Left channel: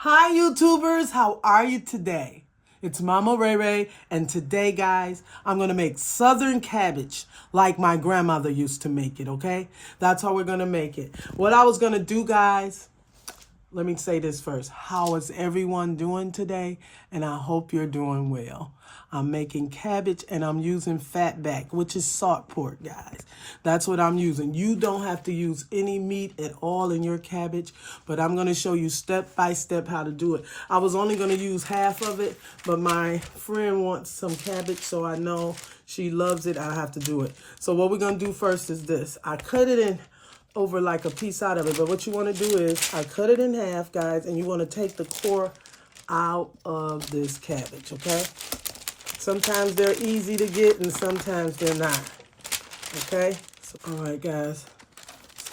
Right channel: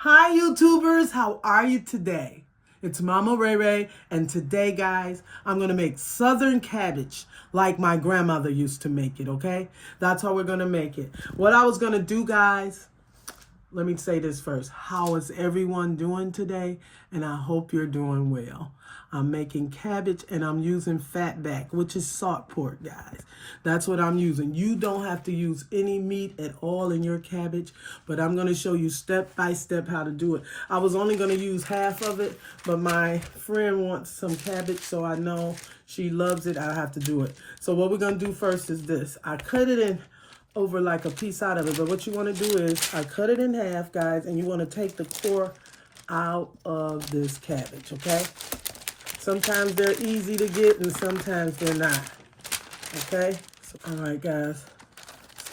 Hi YouTubers, how are you today? It's Mama Ray Ray, and today guys, I'm gonna make southern cabbage like my grandmother used to make it, okay? That's how we're gonna make it. What I was gonna do guys, let me say this first. How is everyone doing today? And I hope you're doing well. I'm making cabbage and I'm using fatback, which is salt pork, guys. That's what I'm using. You don't have to use any meat at all in your cabbage, but I'm going to show you step by step how to do it. I was only going to use half of it, but my friend wants some cabbage, so I know she loves it. I have to do it. So what we're going to do first is this. I cut it in over like a piece out of it, but what you want to do is I cut it in half, guys, and you want to take the core out of this cabbage, okay? Sometimes they're easy to get and sometimes they're not, okay? So, all right, guys.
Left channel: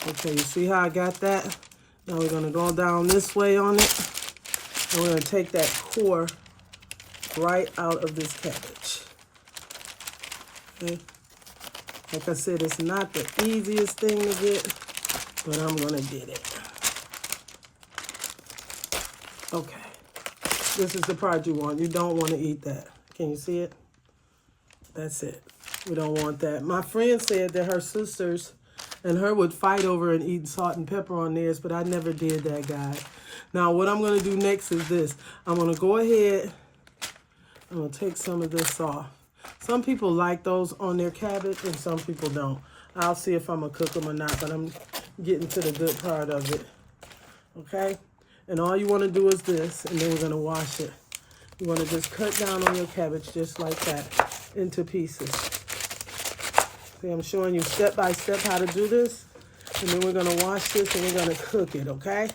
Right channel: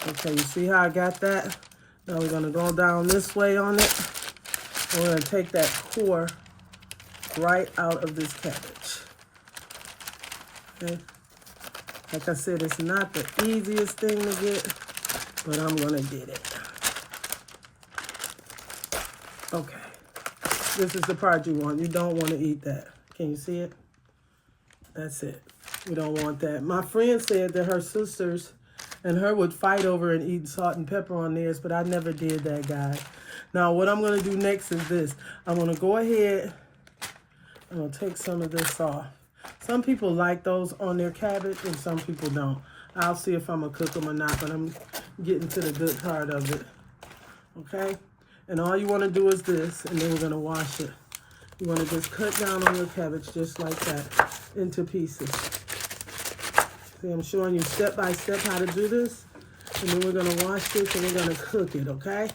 Okay, you see how I got that? Now we're going to go down this way on it. And we're going to take that core right out of this cabbage, okay? Like I said, it's not the easiest thing to get, but I'm going to get it. Okay. This is the part you want. You don't want to eat that. Can you see it? That's it. We don't want that. My friend said that her sisters and her would fight over and eat salt and pepper on theirs, but I never did that, guys. Now, what I'm going to do next is this. I'm going to go ahead. I'm going to take some of this off. Some people like those on their cabbage and some people don't. I'll see if I'm going to cook them or not, but I'm getting to the good part of it. Okay? And all you want to do is this, and then we're going to wash it. You're going to just cut down on your cabbage just like that into pieces. See, I'm showing you step by step how to do this. And then we're going to wash this and we're going to cook it, okay?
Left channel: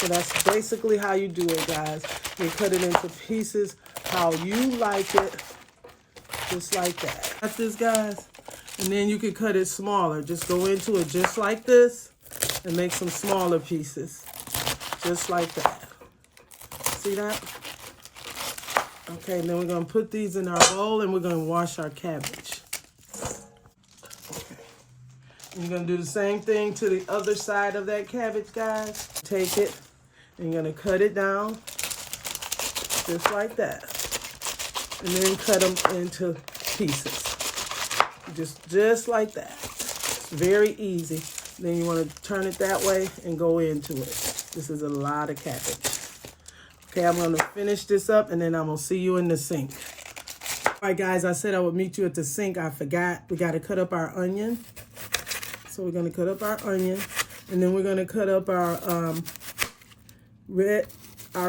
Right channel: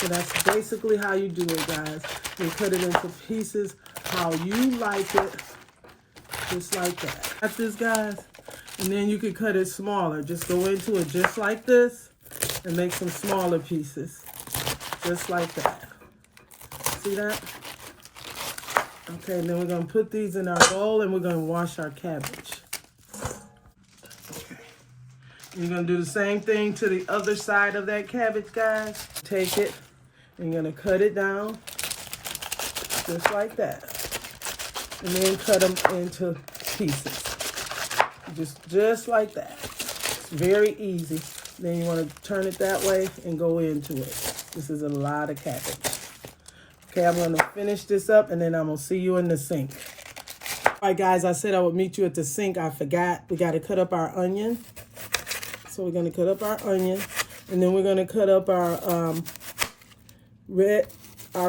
So that's basically how you do it, guys. You cut it into pieces how you like it, just like that. Got this, guys? And then you can cut it smaller. Just go into it just like this and make some smaller pieces, just like that. See that? Okay, then we're going to put these in our bowl and we're going to wash our cabbage. Okay. You're going to do the same thing to the other side of that cabbage, guys. Take it and you're going to cut it down just like that. And then cut them into pieces. Just like that. Very easy. Then you want to turn it that way and go into it. This is a lot of cabbage. Okay, I'm going to finish this up, and then I'm going to see you in the sink. All right, guys, I said I would meet you at the sink. I forgot. We got to cut up our onion. So we're going to cut up our onion, and then we're going to cut up our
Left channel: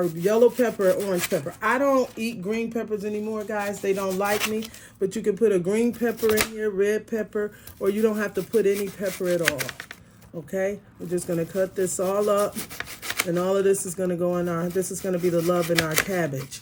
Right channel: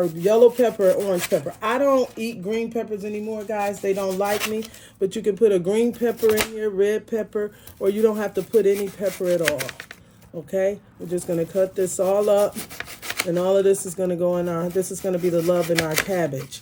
yellow pepper, orange pepper. I don't eat green peppers anymore, guys. They don't like me, but you can put a green pepper in here, red pepper, or you don't have to put any pepper at all. Okay, we're just going to cut this all up. And all of this is going to go in this is going to be the love in our cabbage.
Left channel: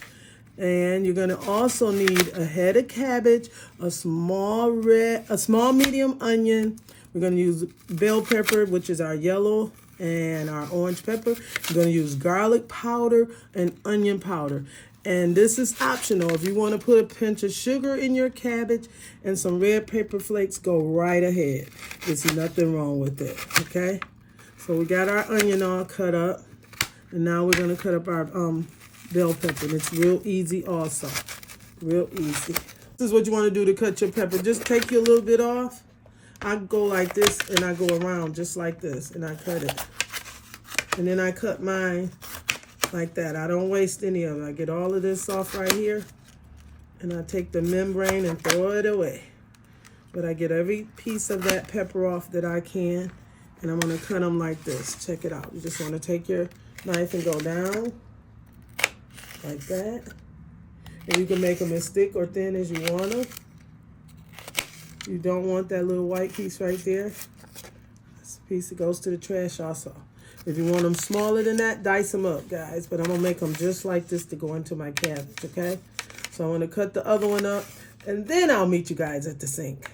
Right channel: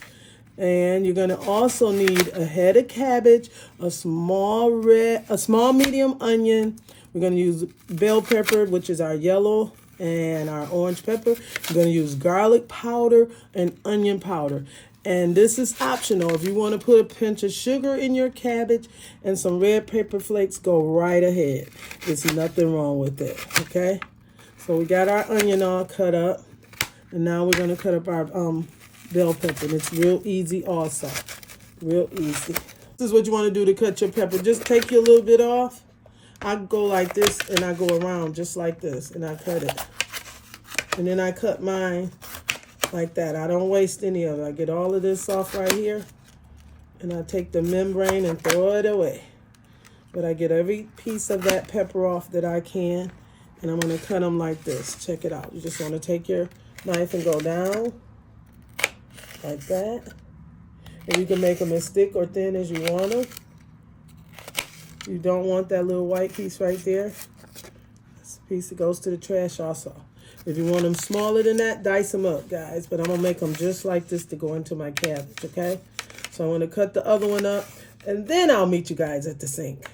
And you're going to also need a head of cabbage, a small medium onion. We're going to use bell pepper, which is our yellow, and our orange pepper. We're going to use garlic powder and onion powder. And this is optional. If you want to put a pinch of sugar in your cabbage and some red pepper flakes, go right ahead. There's nothing wrong with it, okay? So we got our onion all cut up. And now we're going to cut up our bell pepper. And it's real easy also. Real easy. This is what you want to do to cut your pepper. Just take your little bit off. I go like this and I go around just like this. And I cut it. And then I cut mine like that. I don't waste any of it. I get all of this off right here. And I take the membrane and throw it away. But I get every piece of that pepper off that I can. And I'm going to cut them like this. Check it out. You just want to take your knife and go down like that. And you can make them as thick or thin as you want them. You don't want that little white piece right there. This piece that goes to the trash also. If you want them smaller than that, dice them up, guys. But I'm going to make them just like this to go into my cabbage, okay? So I'm going to cut the other one up, and then I'll meet you guys at the sink.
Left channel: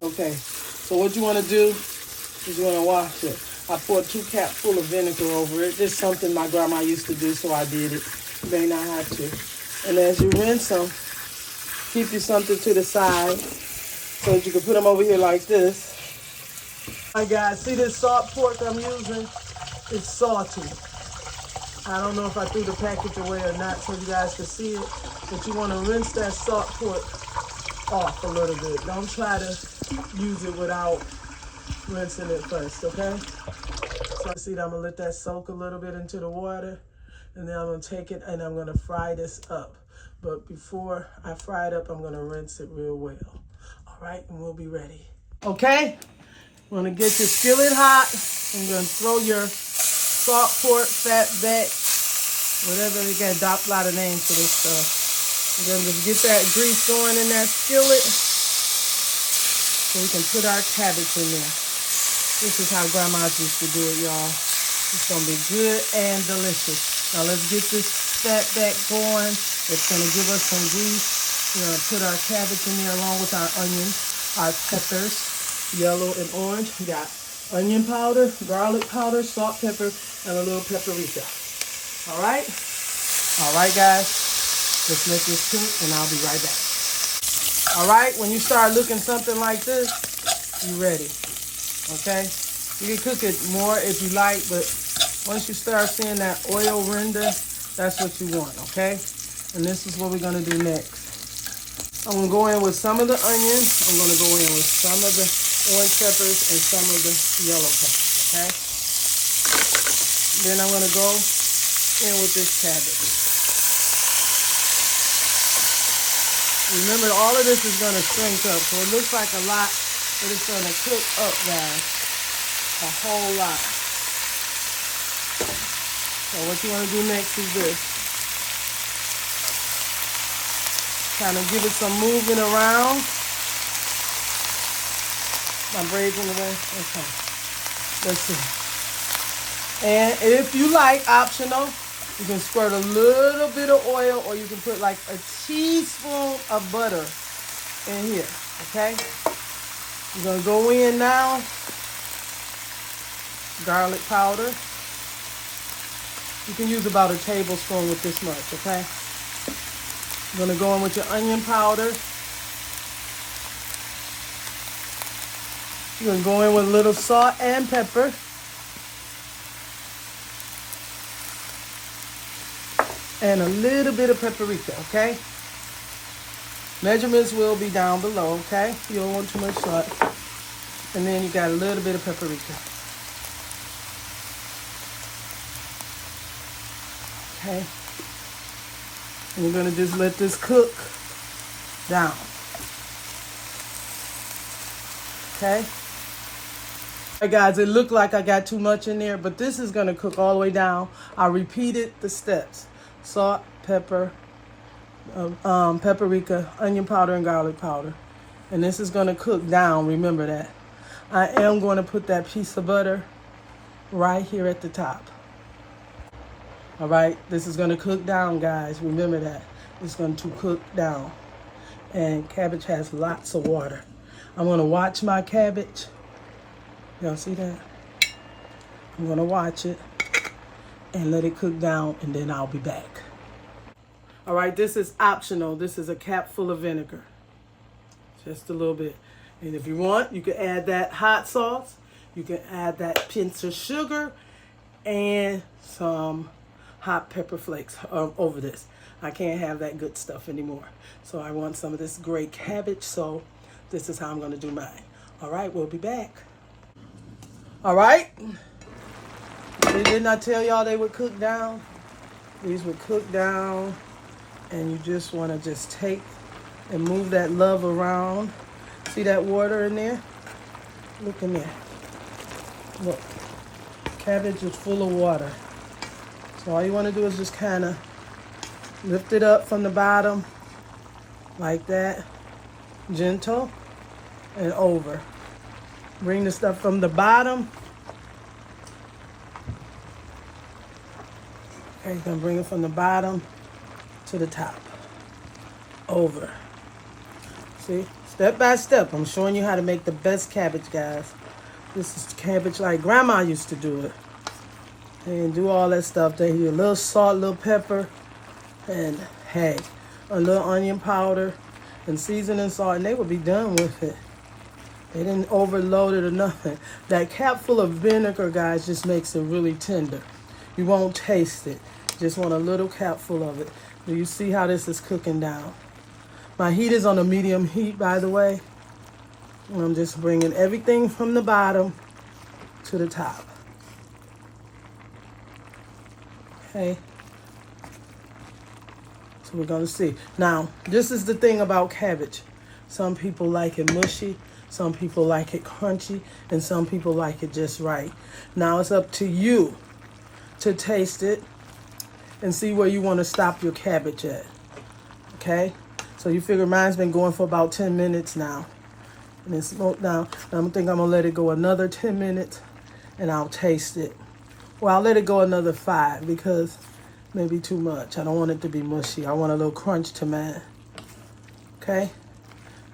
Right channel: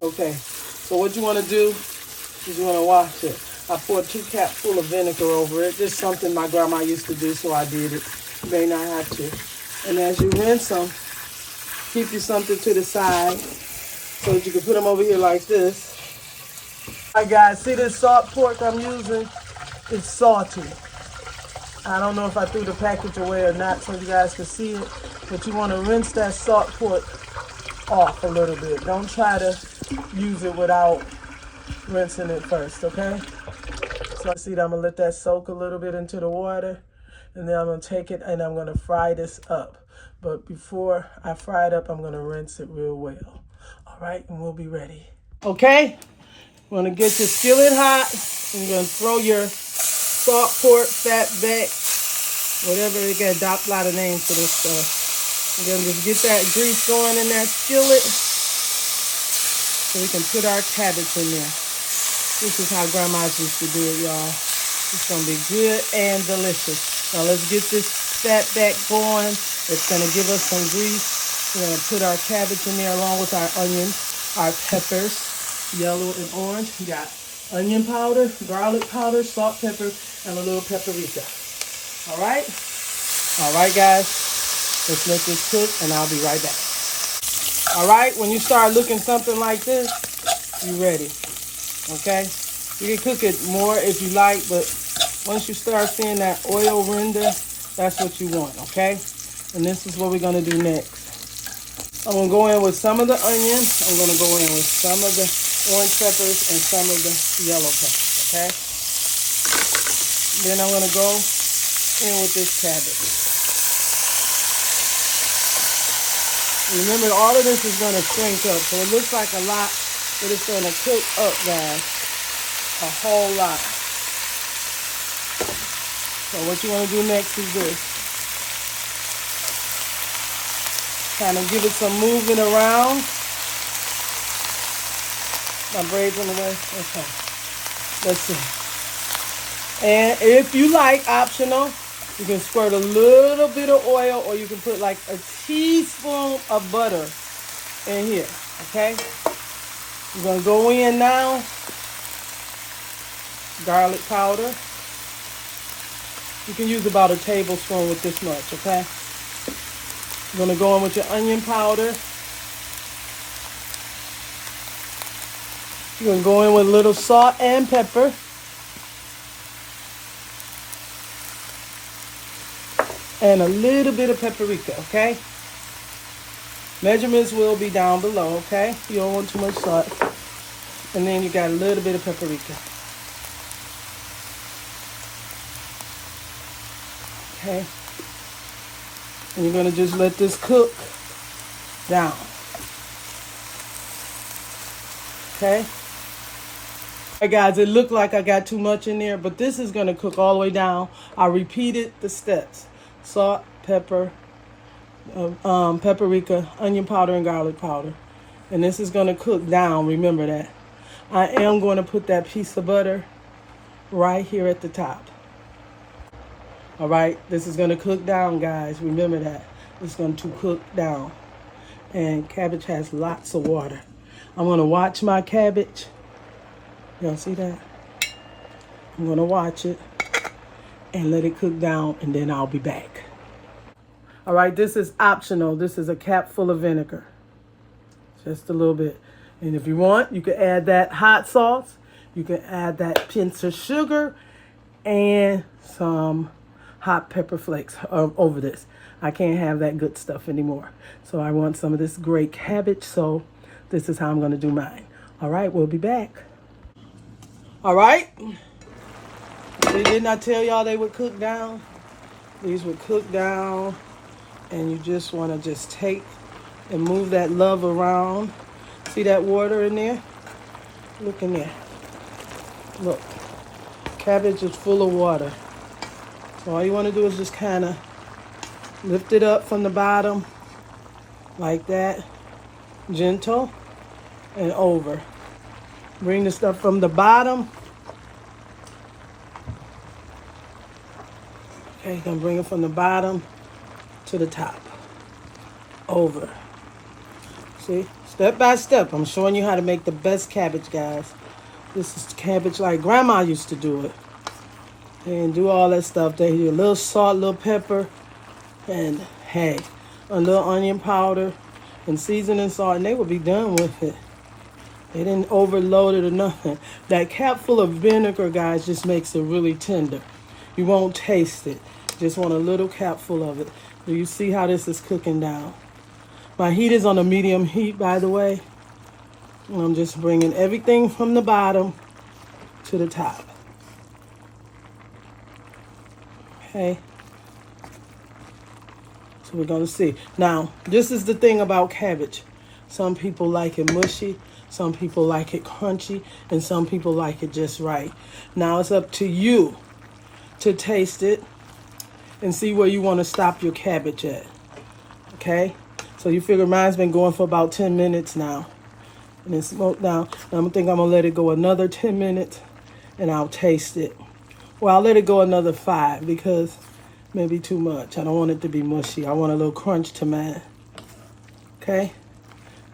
Okay, so what you want to do is you want to wash it. I poured 2 cups full of vinegar over it. This is something my grandma used to do, so I did it. You may not have to. And as you rinse them, keep you something to the side so that you can put them over here like this. All right, guys, see this salt pork I'm using? It's salty. I don't know if I threw the package away or not so you guys can see it, but you want to rinse that salt pork off a little bit. Don't try to use it without rinsing it first, okay? So see, I'm gonna let that soak a little bit into the water, and then I'm gonna take it and I'm gonna fry this up. But before I fry it up, I'm gonna rinse it real well. All right, and we'll be ready. Okay, you wanna get your skillet hot. I'm gonna throw your salt pork, fat back, whatever, they got a lot of names for this stuff. And then just get that grease going in that skillet so we can put our cabbage in there. This is how grandmas used to do it, y'all. It's gonna be good and delicious. Now let's get this fat back going. It's gonna give us some grease. We're gonna put our cabbage in there along with our onions, our peppers, yellow and orange. We got onion powder, garlic powder, salt, pepper, and a little paprika. All right? All right, guys. Let's let this cook, and I'll be right back. All right, when you start looking something like this, you're ready. Okay? You can cook it more if you like, but once you start seeing that oil render, that's what you want, okay? And this is what we're gonna do next. I'm gonna go in with some of the onions. I'm gonna go in with some of the orange peppers and some of the yellow peppers, okay? Then I'm gonna go in with this cabbage. Remember, all of this is gonna shrink up, so it looks like a lot, but it's gonna cook up, guys, a whole lot. So what you wanna do next is this. Kind of give it some movement around. My braids in the way. Okay. Let's see. And if you like, optional, you can squirt a little bit of oil, or you can put like a teaspoon of butter in here. Okay? You're gonna go in now. Garlic powder. You can use about a tablespoon with this much, okay? You're gonna go in with your onion powder. You're gonna go in with a little salt and pepper. And a little bit of paprika, okay? Measurements will be down below, okay? You don't want too much salt. And then you got a little bit of paprika. Okay? And you're gonna just let this cook down. Okay? All right, guys, it looked like I got too much in there, but this is gonna cook all the way down. I repeated the steps. Salt, pepper, paprika, onion powder, and garlic powder. And this is gonna cook down, remember that. I am gonna put that piece of butter right here at the top. All right, this is gonna cook down, guys. Remember that. It's going to cook down. And cabbage has lots of water. I'm gonna watch my cabbage. Y'all see that? I'm gonna watch it and let it cook down, and then I'll be back. All right, this is optional. This is a cap full of vinegar. Just a little bit. And if you want, you can add that hot sauce. You can add that pinch of sugar and some hot pepper flakes over this. I can't have that good stuff anymore. So I want some of this great cabbage, so this is how I'm gonna do mine. All right, we'll be back. All right. Didn't I tell y'all they would cook down? These would cook down, and you just wanna just take and move that love around. See that water in there? Look in there. Look, cabbage is full of water. So all you wanna do is just kinda lift it up from the bottom like that, gentle and over. Bring the stuff from the bottom. Okay, you're gonna bring it from the bottom to the top, over. See, step by step, I'm showing you how to make the best cabbage, guys. This is cabbage like Grandma used to do it. And do all that stuff. They do a little salt, a little pepper, and hey, a little onion powder and seasoning salt, and they will be done with it. They didn't overload it or nothing. That cap full of vinegar, guys, just makes it really tender. You won't taste it. Just want a little cap full of it. Do you see how this is cooking down? My heat is on a medium heat, by the way. And I'm just bringing everything from the bottom to the top. Okay. So we're going to see. Now, this is the thing about cabbage. Some people like it mushy. Some people like it crunchy. And some people like it just right. Now, it's up to you to taste it and see where you want to stop your cabbage at. Okay? So you figure mine's been going for about 10 minutes now. And it's smoked down. And I think I'm going to let it go another 10 minutes and I'll taste it. Well, I'll let it go another 5 because maybe too much. I don't want it to be mushy. I want a little crunch to mine. Okay?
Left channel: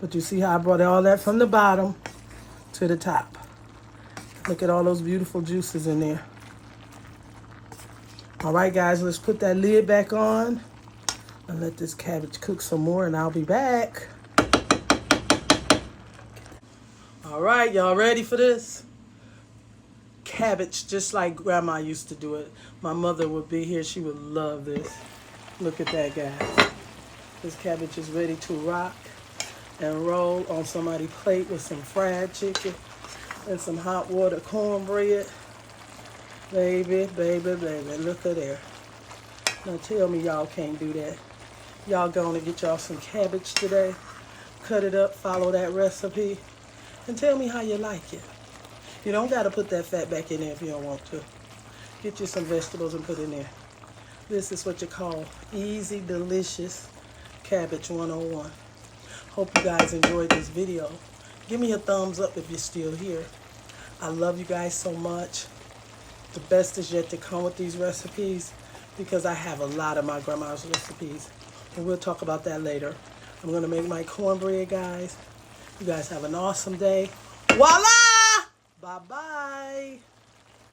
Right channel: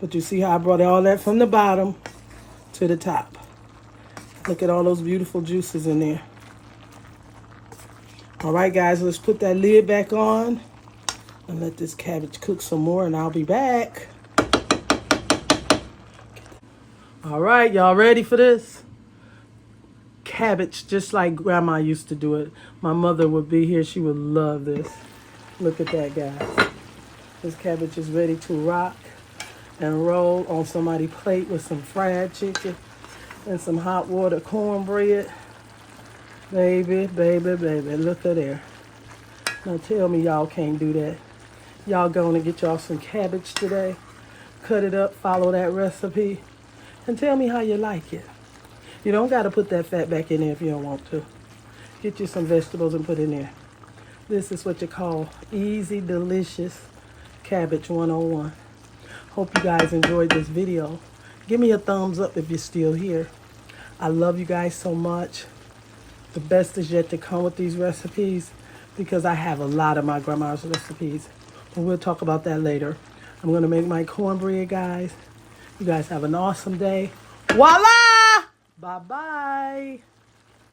But you see how I brought all that from the bottom to the top. Look at all those beautiful juices in there. All right, guys, let's put that lid back on and let this cabbage cook some more, and I'll be back. All right, y'all ready for this? Cabbage, just like Grandma used to do it. My mother would be here. She would love this. Look at that, guys. This cabbage is ready to rock and roll on somebody's plate with some fried chicken and some hot water cornbread. Baby, baby, baby, look at there. Now tell me y'all can't do that. Y'all gonna get y'all some cabbage today. Cut it up, follow that recipe, and tell me how you like it. You don't gotta put that fat back in there if you don't want to. Get you some vegetables and put in there. This is what you call easy, delicious cabbage 101. Hope you guys enjoyed this video. Give me a thumbs up if you're still here. I love you guys so much. The best is yet to come with these recipes because I have a lot of my grandma's recipes. And we'll talk about that later. I'm going to make my cornbread, guys. You guys have an awesome day. Voila! Bye-bye.